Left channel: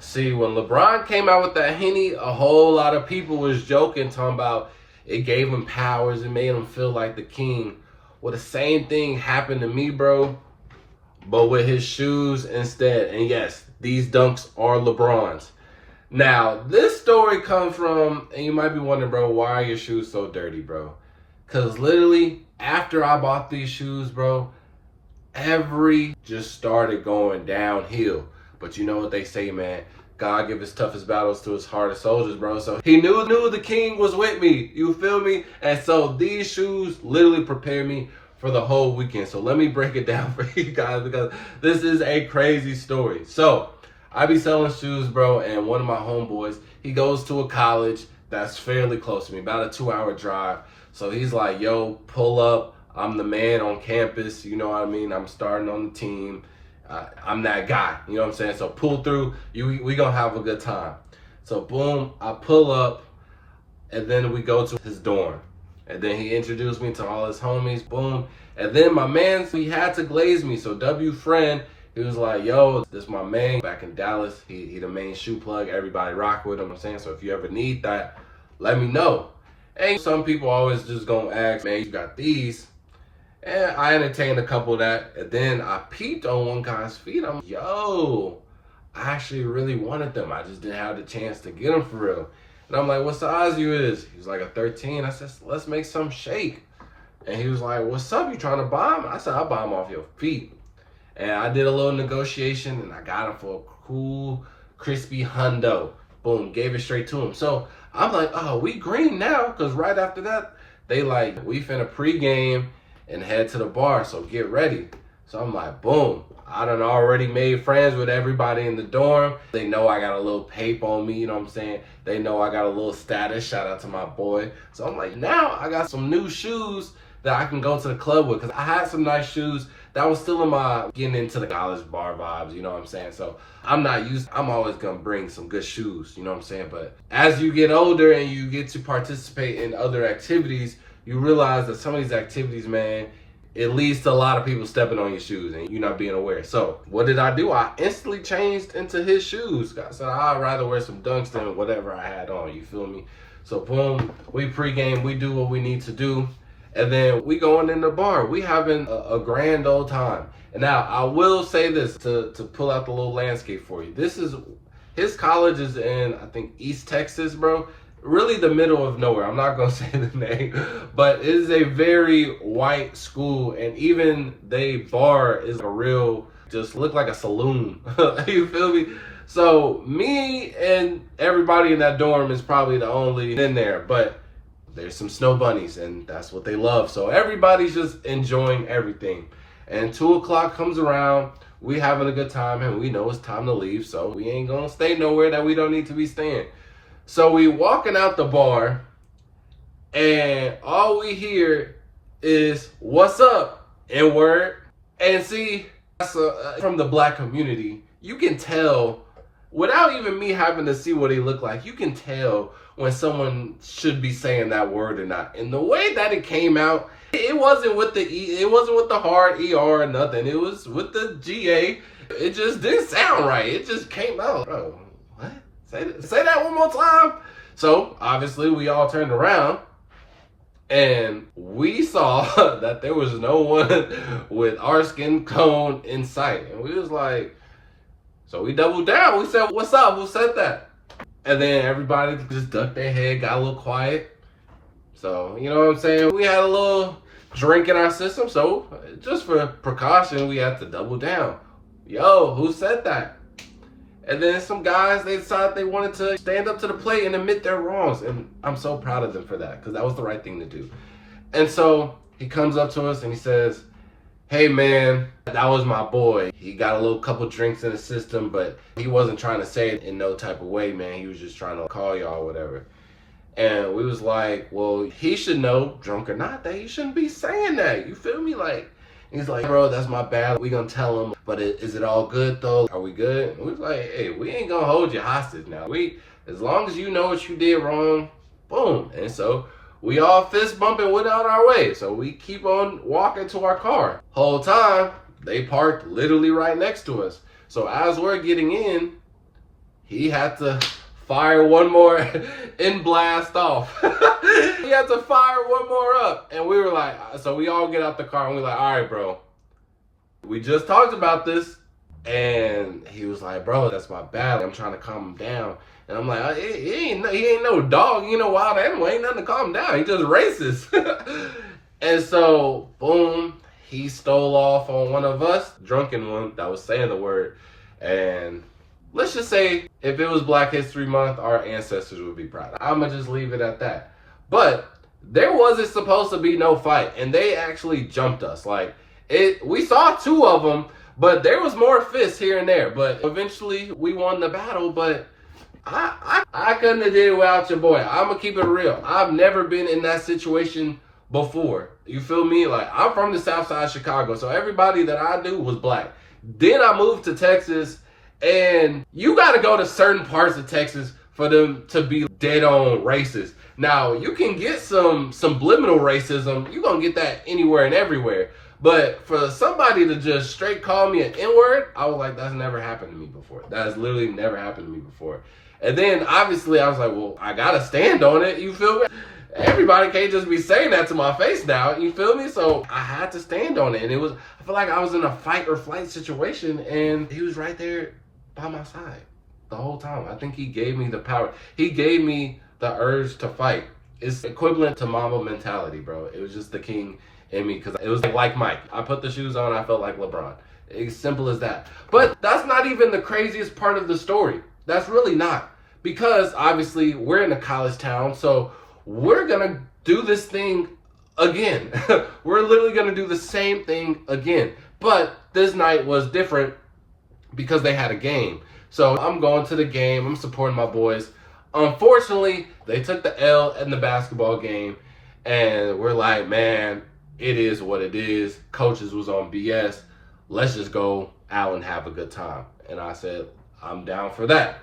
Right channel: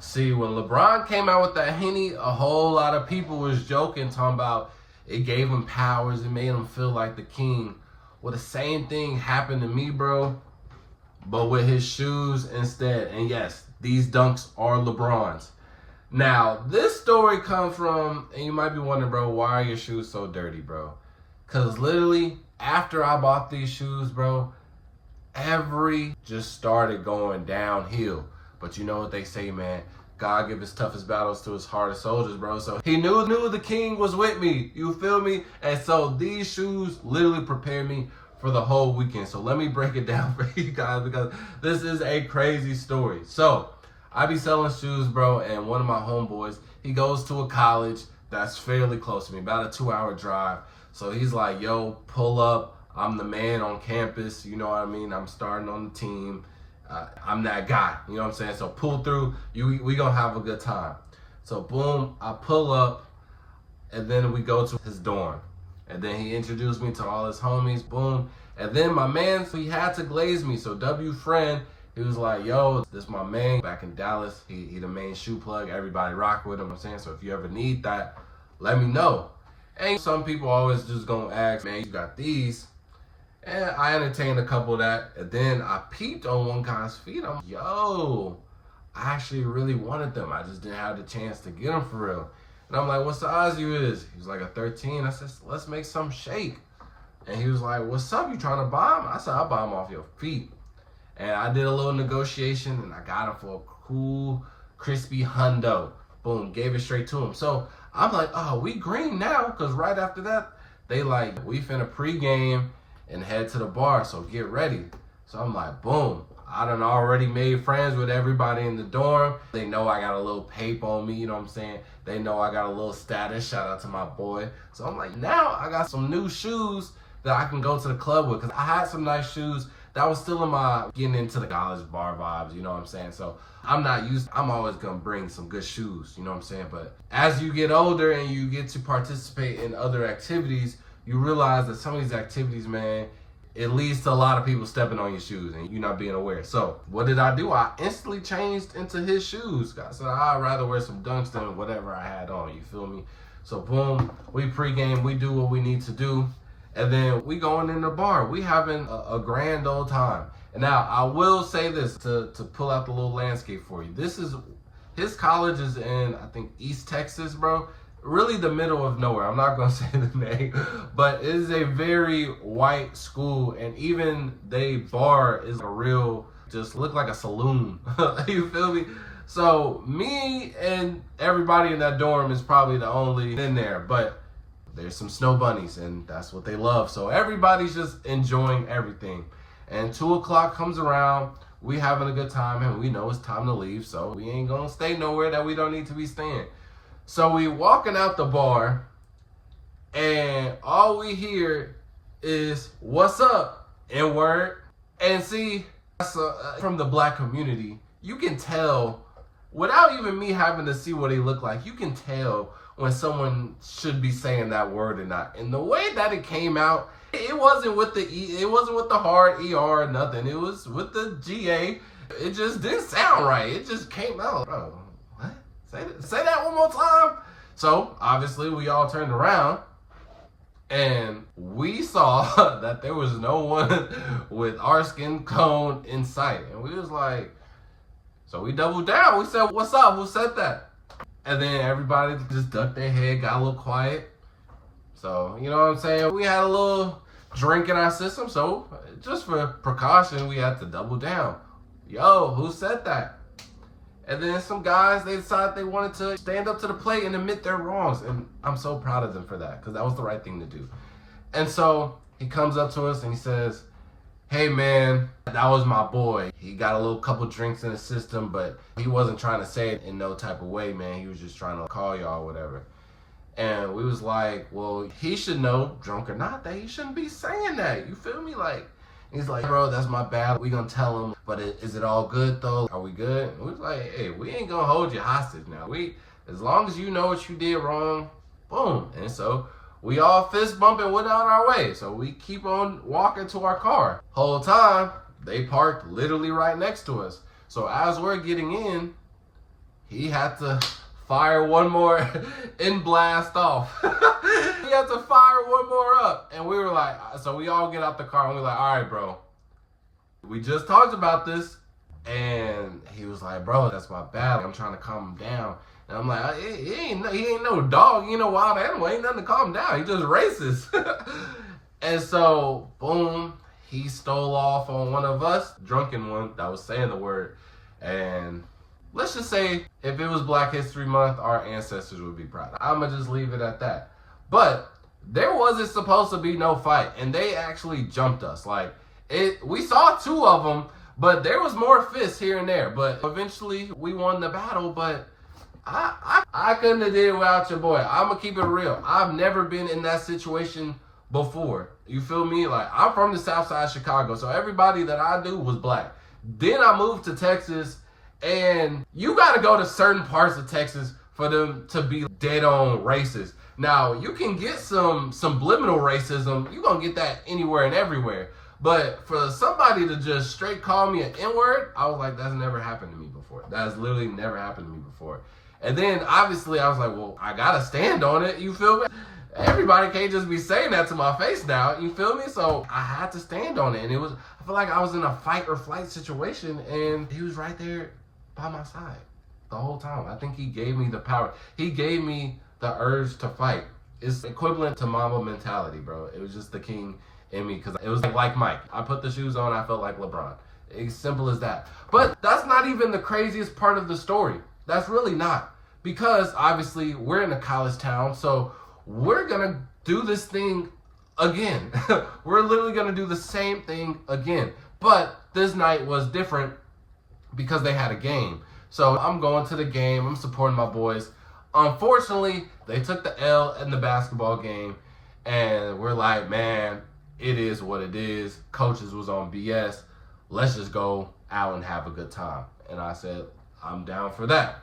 See, when LeBron came out with that Henny, a whole lot of people was joking, talking about it gave him powers, it made him feel like the king. Well, the same thing happened to me, bro, but with his shoes instead. And yes, these dunks are LeBron's. Now, this story comes from, and you might be wondering, bro, why are your shoes so dirty, bro? Because literally, after I bought these shoes, bro, every just started going downhill. But you know what they say, man. God give his toughest battles to his hardest soldiers, bro. So he knew the king was with me. You feel me? And so these shoes literally prepared me for the whole weekend. So let me break it down for you guys because this is a crazy story. So I be selling shoes, bro, and one of my homeboys, he goes to a college that's fairly close to me, about a 2-hour drive. So he's like, yo, pull up. I'm the man on campus. You know what I mean? I'm starting on the team. I'm that guy, you know what I'm saying? So pull through, we gonna have a good time. So boom, I pull up, and then we go to his dorm. And then he introduced me to all his homies, boom. And then my man, he had to glaze me. So W friend, he was like, yo, this my man back in Dallas. He the main shoe plug, everybody rock with him, I'm saying? So if you ever need that, let me know. And some people always just gonna ask, man, you got these? And I entertained a couple of that, and then I peeped on one guy's feet. I'm like, yo, I actually really wanted them. I just didn't have the chance to get them for real. And I'm like, what size you is? He was like a 13. I said, let's make some shake. And he was like, what's up? You trying to buy them? I said, I'll buy them off your feet. And I did a little negotiation, and I got them for a cool, crispy hundo. Boom, gave it straight to him. So I'm like, oh, we green now, because right after that, they like, we finna pregame and head to the bar, so get ready. So I'm like, boom. I done already made friends with everybody in the dorm. They know I got a little pape on me, you know what I'm saying? They know I got a little status, shout out to my boy. So I'm like, now I got some new shoes that I can go to the club with, because I had some nice shoes that was still in my getting into the college bar vibes, you know what I'm saying? So I'm always gonna bring some good shoes, you know what I'm saying? But as you get older and you get to participate in other activities, you realize that some of these activities, man, it leads to a lot of people stepping on your shoes and you're not being aware. So what did I do? I instantly changed into his shoes. I said, I'd rather wear some dunks than whatever I had on, you feel me? So boom, we pregame, we do what we need to do. And then we going in the bar. We having a grand old time. And now I will say this to pull out the little landscape for you. His college is in, I think, East Texas, bro. Really the middle of nowhere. I'm not gonna say the name, but it is a very white school, and even the bar is a real, just look like a saloon. You feel me? So me and everybody in that dorm is probably the only in there, but there's some snow bunnies, and that's what they love. So everybody's just enjoying everything. And 2 o'clock comes around, we having a good time, and we know it's time to leave, so we ain't gonna stay nowhere that we don't need to be staying. So we walking out the bar, and all we hear is, what's up, N-word. And see, from the black community, you can tell, without even me having to see what he looked like, you can tell when someone should be saying that word or not. And the way that it came out, it wasn't with the it wasn't with the hard ER or nothing. It was with the GA. It just didn't sound right. It just came out. Bro, what? Say that one more time. So obviously we all turned around and we saw that there was no one with our skin tone in sight. And we was like, so we doubled down. We said, what's up? Who said that? And then everybody just ducked their head, got a little quiet. So, you know what I'm saying? We had a little drink in our system. So just for precaution, we had to double down. Yo, who said that? And then some guys, they decided they wanted to stand up to the plate and admit their wrongs. And I'm so proud of them for that, because that was the right thing to do. And so he comes up to us and he says, hey man, that was my boy. He got a little couple drinks in the system, but he wasn't trying to say it in no type of way, man. He was just trying to call y'all or whatever. And we was like, well, he should know, drunk or not, that he shouldn't be saying that. You feel me? Like, he's like, bro, that's my bad. We gonna tell him, but is it all good though? Are we good? And we was like, hey, we ain't gonna hold you hostage now. As long as you know what you did wrong, boom. And so we all fist bumping, went out our way. So we keep on walking to our car. Whole time, they parked literally right next to us. So as we're getting in, he had to fire one more and blast off. He had to fire one more up. And we were like, so we all get out the car and we're like, all right, bro, we just talked about this. And he was like, bro, that's my bad. I'm trying to calm him down. And I'm like, he ain't no dog. He ain't no wild animal. Ain't nothing to calm him down. He just racist. And so, boom, he stole off on one of us, drunken one that was saying the word. And let's just say if it was Black History Month, our ancestors would be proud. I'm going to just leave it at that. But there wasn't supposed to be no fight. And they actually jumped us. Like, we saw two of them, but there was more fists here and there. But eventually we won the battle. But I couldn't have did it without your boy. I'm going to keep it real. I've never been in that situation before. You feel me? Like, I'm from the South Side of Chicago, so everybody that I knew was black. Then I moved to Texas, and you got to go to certain parts of Texas for them to be dead on racist. Now, you can get some subliminal racism. You're going to get that anywhere and everywhere. But for somebody to just straight call me an N-word, I was like, that's never happened to me before. That has literally never happened to me before. And then, obviously, I was like, well, I got to stand on it. You feel me? Everybody can't just be saying that to my face now. You feel me? So I had to stand on it. And I feel like I was in a fight or flight situation. And he was right there by my side the whole time. I think he gave me the power. He gave me the urge to fight. It's equivalent to Mamba mentality, bro. It was just the king in me. Because it was like Mike. I put the shoes on. I felt like LeBron. It's simple as that. But that's not even the craziest part of the story. That's really not. Because, obviously, we're in a college town, so we're going to do this thing again. We're literally going to do the same thing again. But this night was different because they had a game. So I'm going to the game. I'm supporting my boys. Unfortunately, they took the L in the basketball game. And we're like, man, it is what it is. Coaches was on BS. Let's just go out and have a good time. And I said, I'm down for that.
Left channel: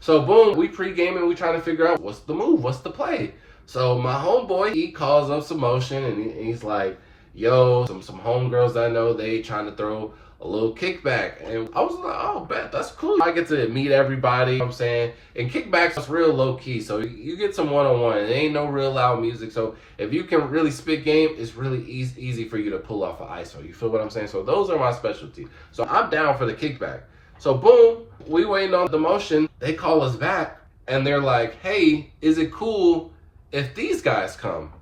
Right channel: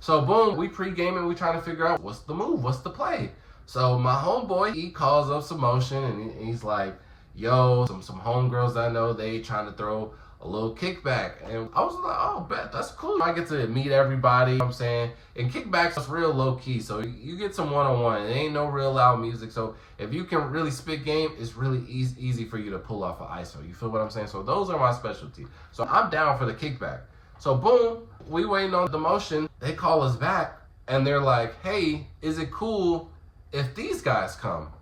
So boom, we pre-gaming, we trying to figure out what's the move, what's the play. So my homeboy, he calls up some motion and he's like, yo, some homegirls I know, they trying to throw a little kickback. And I was like, oh, bet, that's cool. I get to meet everybody, you know what I'm saying? And kickbacks is real low key. So you get some one-on-one. It ain't no real loud music. So if you can really spit game, it's really easy for you to pull off an ISO. You feel what I'm saying? So those are my specialties. So I'm down for the kickback. So boom, we waiting on the motion. They call us back and they're like, hey, is it cool if these guys come?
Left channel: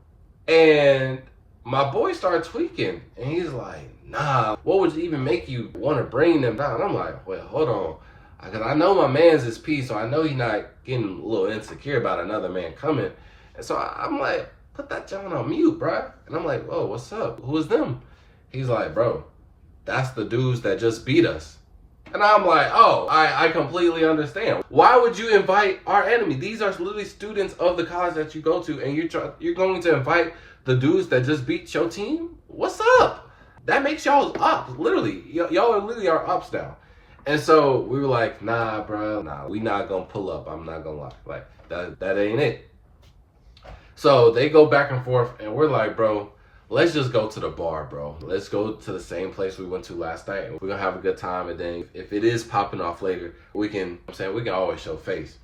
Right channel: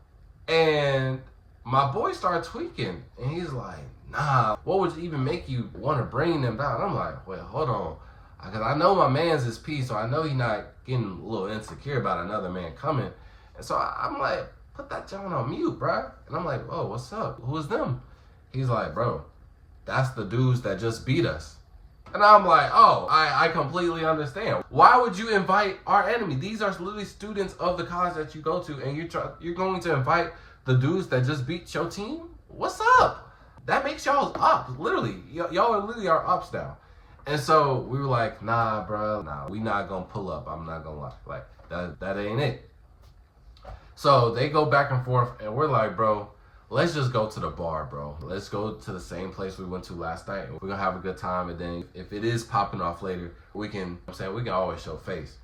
And my boy started tweaking and he's like, nah, what would even make you want to bring them down? I'm like, well, hold on. Because I know my man's his piece, so I know he's not getting a little insecure about another man coming. And so I'm like, put that John on mute, bro. And I'm like, whoa, what's up? Who is them? He's like, bro, that's the dudes that just beat us. And I'm like, oh, I completely understand. Why would you invite our enemy? These are literally students of the college that you go to, and you're going to invite the dudes that just beat your team? What's up? That makes y'all up, literally. Y'all are literally our ups now. And so we were like, nah, bro, nah, we not gonna pull up. I'm not gonna lie. Like, that ain't it. So they go back and forth, and we're like, bro, let's just go to the bar, bro. Let's go to the same place we went to last night, and we're gonna have a good time. And then if it is popping off later, we can always show face.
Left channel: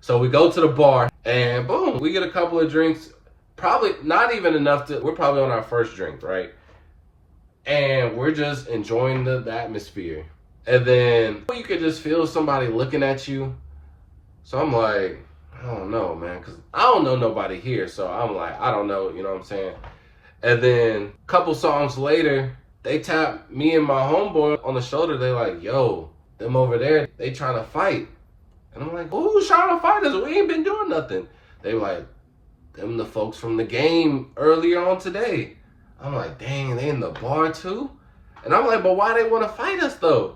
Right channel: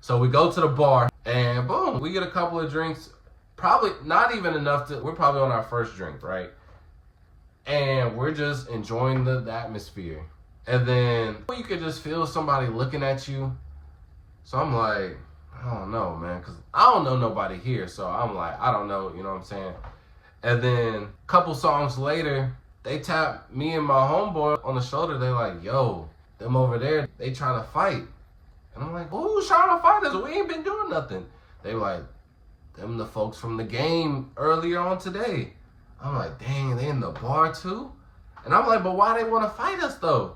So we go to the bar, and boom, we get a couple of drinks. Probably not even enough we're probably on our first drink, right? And we're just enjoying the atmosphere. And then you could just feel somebody looking at you. So I'm like, I don't know, man, because I don't know nobody here. So I'm like, I don't know, you know what I'm saying? And then a couple songs later, they tap me and my homeboy on the shoulder. They like, yo, them over there, they trying to fight. And I'm like, who's trying to fight us? We ain't been doing nothing. They like, them the folks from the game earlier on today. I'm like, dang, they in the bar too? And I'm like, but why they want to fight us though?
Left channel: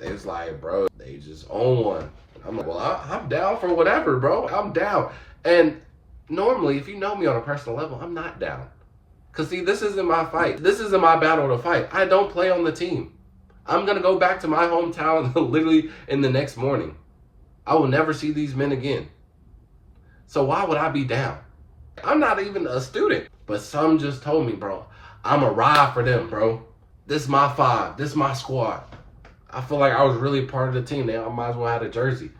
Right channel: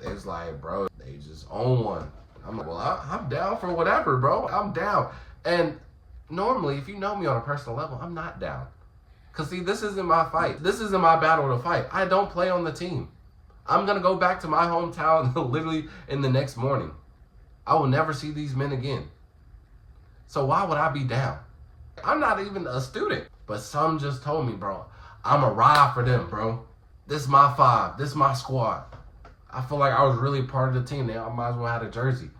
They was like, bro, they just own one. I'm like, well, I'm down for whatever, bro. I'm down. And normally, if you know me on a personal level, I'm not down. Because, see, this isn't my fight. This isn't my battle to fight. I don't play on the team. I'm going to go back to my hometown literally in the next morning. I will never see these men again. So why would I be down? I'm not even a student. But some just told me, bro, I'm a ride for them, bro. This is my five. This is my squad. I feel like I was really part of the team. They might as well have a jersey.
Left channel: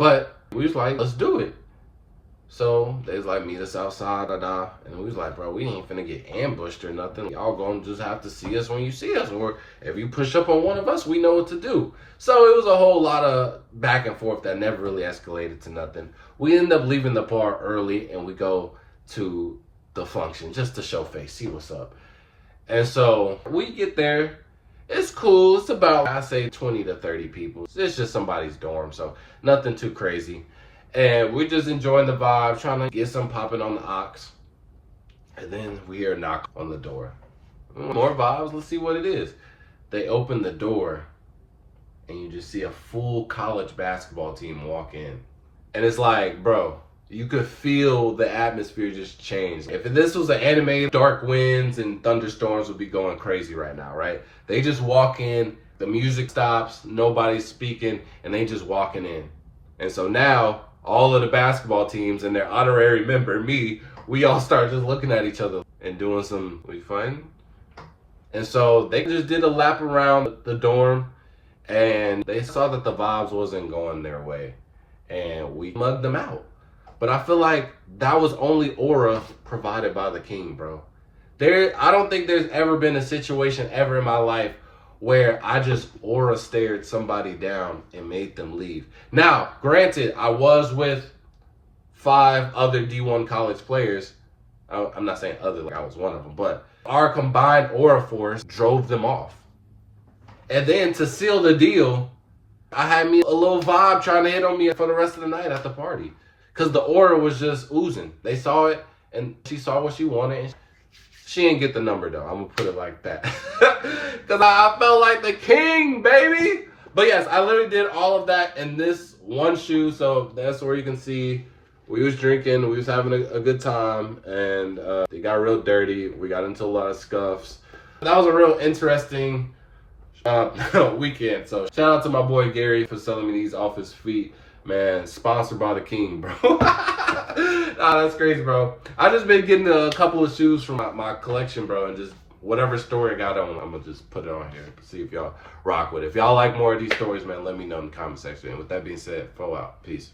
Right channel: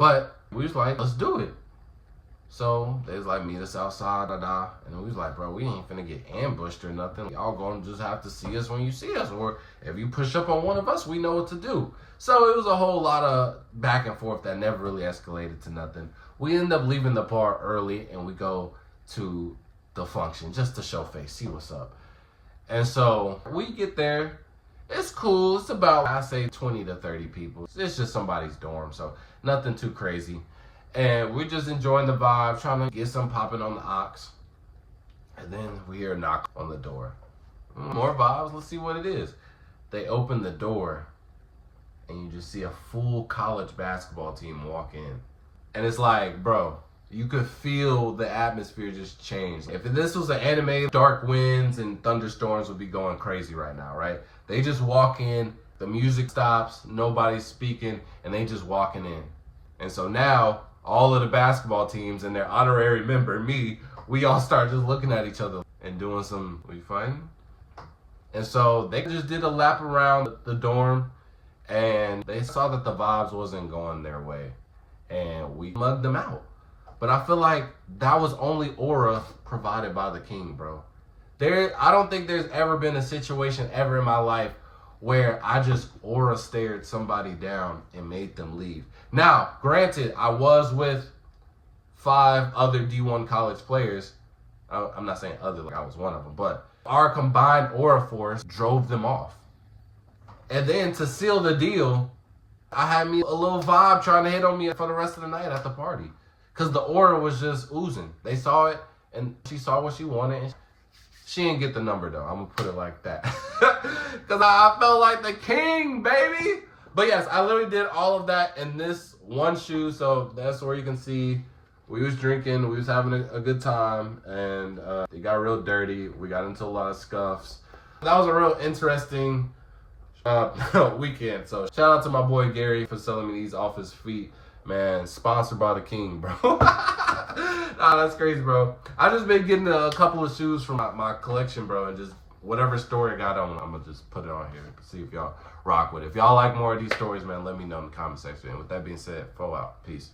But we was like, let's do it. So they was like, meet us outside, and we was like, bro, we ain't finna get ambushed or nothing. Y'all gonna just have to see us when you see us, or if you push up on one of us, we know what to do. So it was a whole lot of back and forth that never really escalated to nothing. We end up leaving the bar early, and we go to the function just to show face, see what's up. And so we get there. It's cool. It's about, I say, 20 to 30 people. It's just somebody's dorm, so nothing too crazy. And we're just enjoying the vibe, trying to get some popping on the ox. And then we hear a knock on the door. More vibes, let's see what it is. They open the door, and you just see a full college basketball team walk in. And it's like, bro, you could feel the atmosphere just change. If this was an anime, dark winds and thunderstorms would be going crazy right now, right? They just walk in, the music stops, nobody's speaking, and they just walking in. And so now, all of the basketball teams and their honorary member, me, we all start just looking at each other and doing some, we fighting? And so they just did a lap around the dorm, and they saw that the vibes wasn't going their way, and we mugged them out. But I feel like that was only aura provided by the king, bro. I don't think there's ever been a situation ever in my life where I just aura stared somebody down and made them leave. Now, granted, I was with 5 other D1 college players. I'm not saying other, like I was one of them, but our combined aura force drove them off. And then to seal the deal, I had me a little vibe trying to hit on me for the rest of the night at the party. Because the aura was just oozing. They saw it, and she saw what she wanted. She didn't get the number, though. I'm going to put it like that. Because I felt like the king, baby. But yes, I literally did all of that in this one shoe. So that's where you can see we was drinking. We was having a good time. And it got real dirty. We got into a lot of scuffs. That was a real interesting weekend. So shout out to my boy Gary for selling me these off his feet. Man, sponsored by the king, bro. Nah, that's crazy, bro. I just been getting a couple of shoes from my collection, bro, and just whatever story I got on, I'm gonna just put it on here. See if y'all rock with it. If y'all like more of these stories, man, let me know in the comment section. And with that being said, flow out. Peace.